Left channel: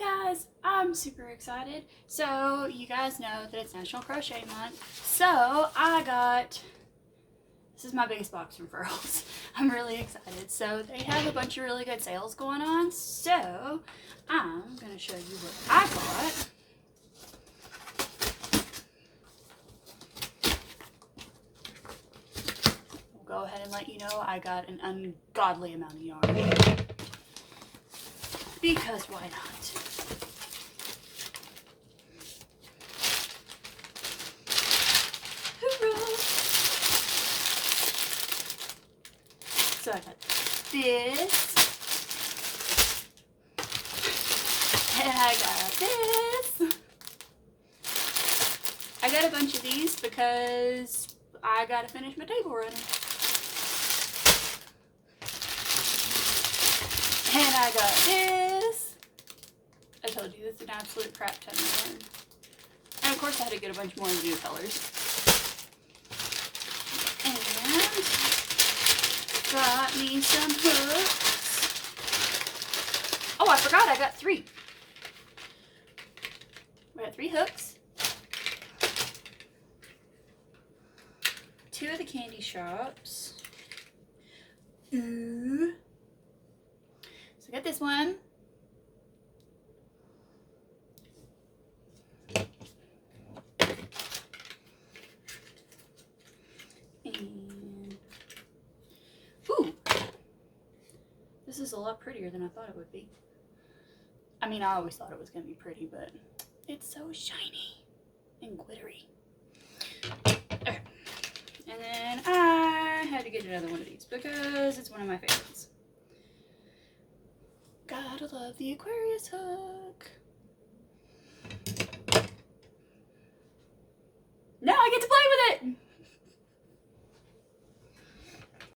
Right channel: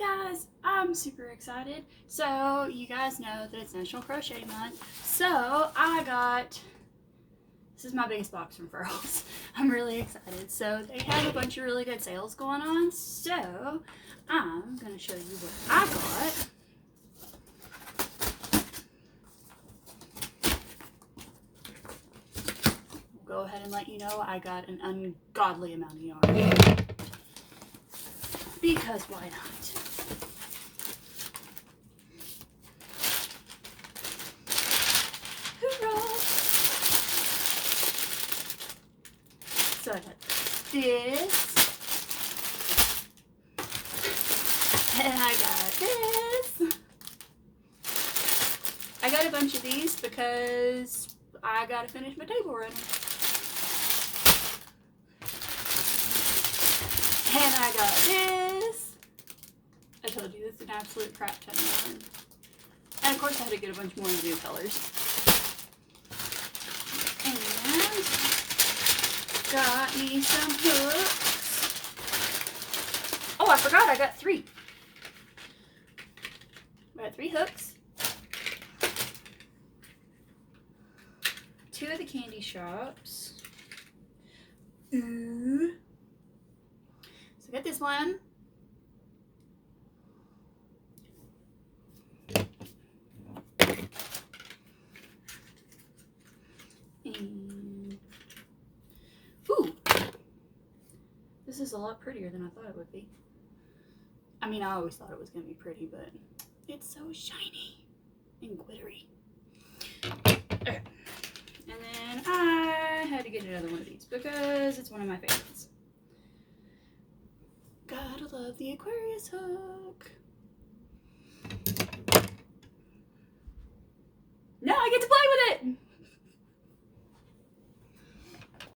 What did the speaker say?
guys, I'm super excited. So you guys know that it's National Crochet Month. So this is my biggest box from Furls. I'm really excited. So they have a bunch of really good sales going on. So I'm going to show you what I got. Go ahead and let you know I got an ungodly amount of yarn. Because why not? Hoorah! So I got this. And I got this. I got a bunch of these because I gotta finish my table running. And I got this. I told you, it's an absolute crap ton of yarn. And of course I had to get a bunch more of your colors. And got me some hooks. Oh, I forgot, I got 3. I got 3 hooks. 2 of the candy shops. Ooh. I got this one. And ooh, this is a lot prettier than I thought it would be. I mean, I always thought it was going to be pretty, but it's so shiny and glittery. Okay. And then I had to get another one of these because it's one of my favorites. Gotta love the Aquarius hook.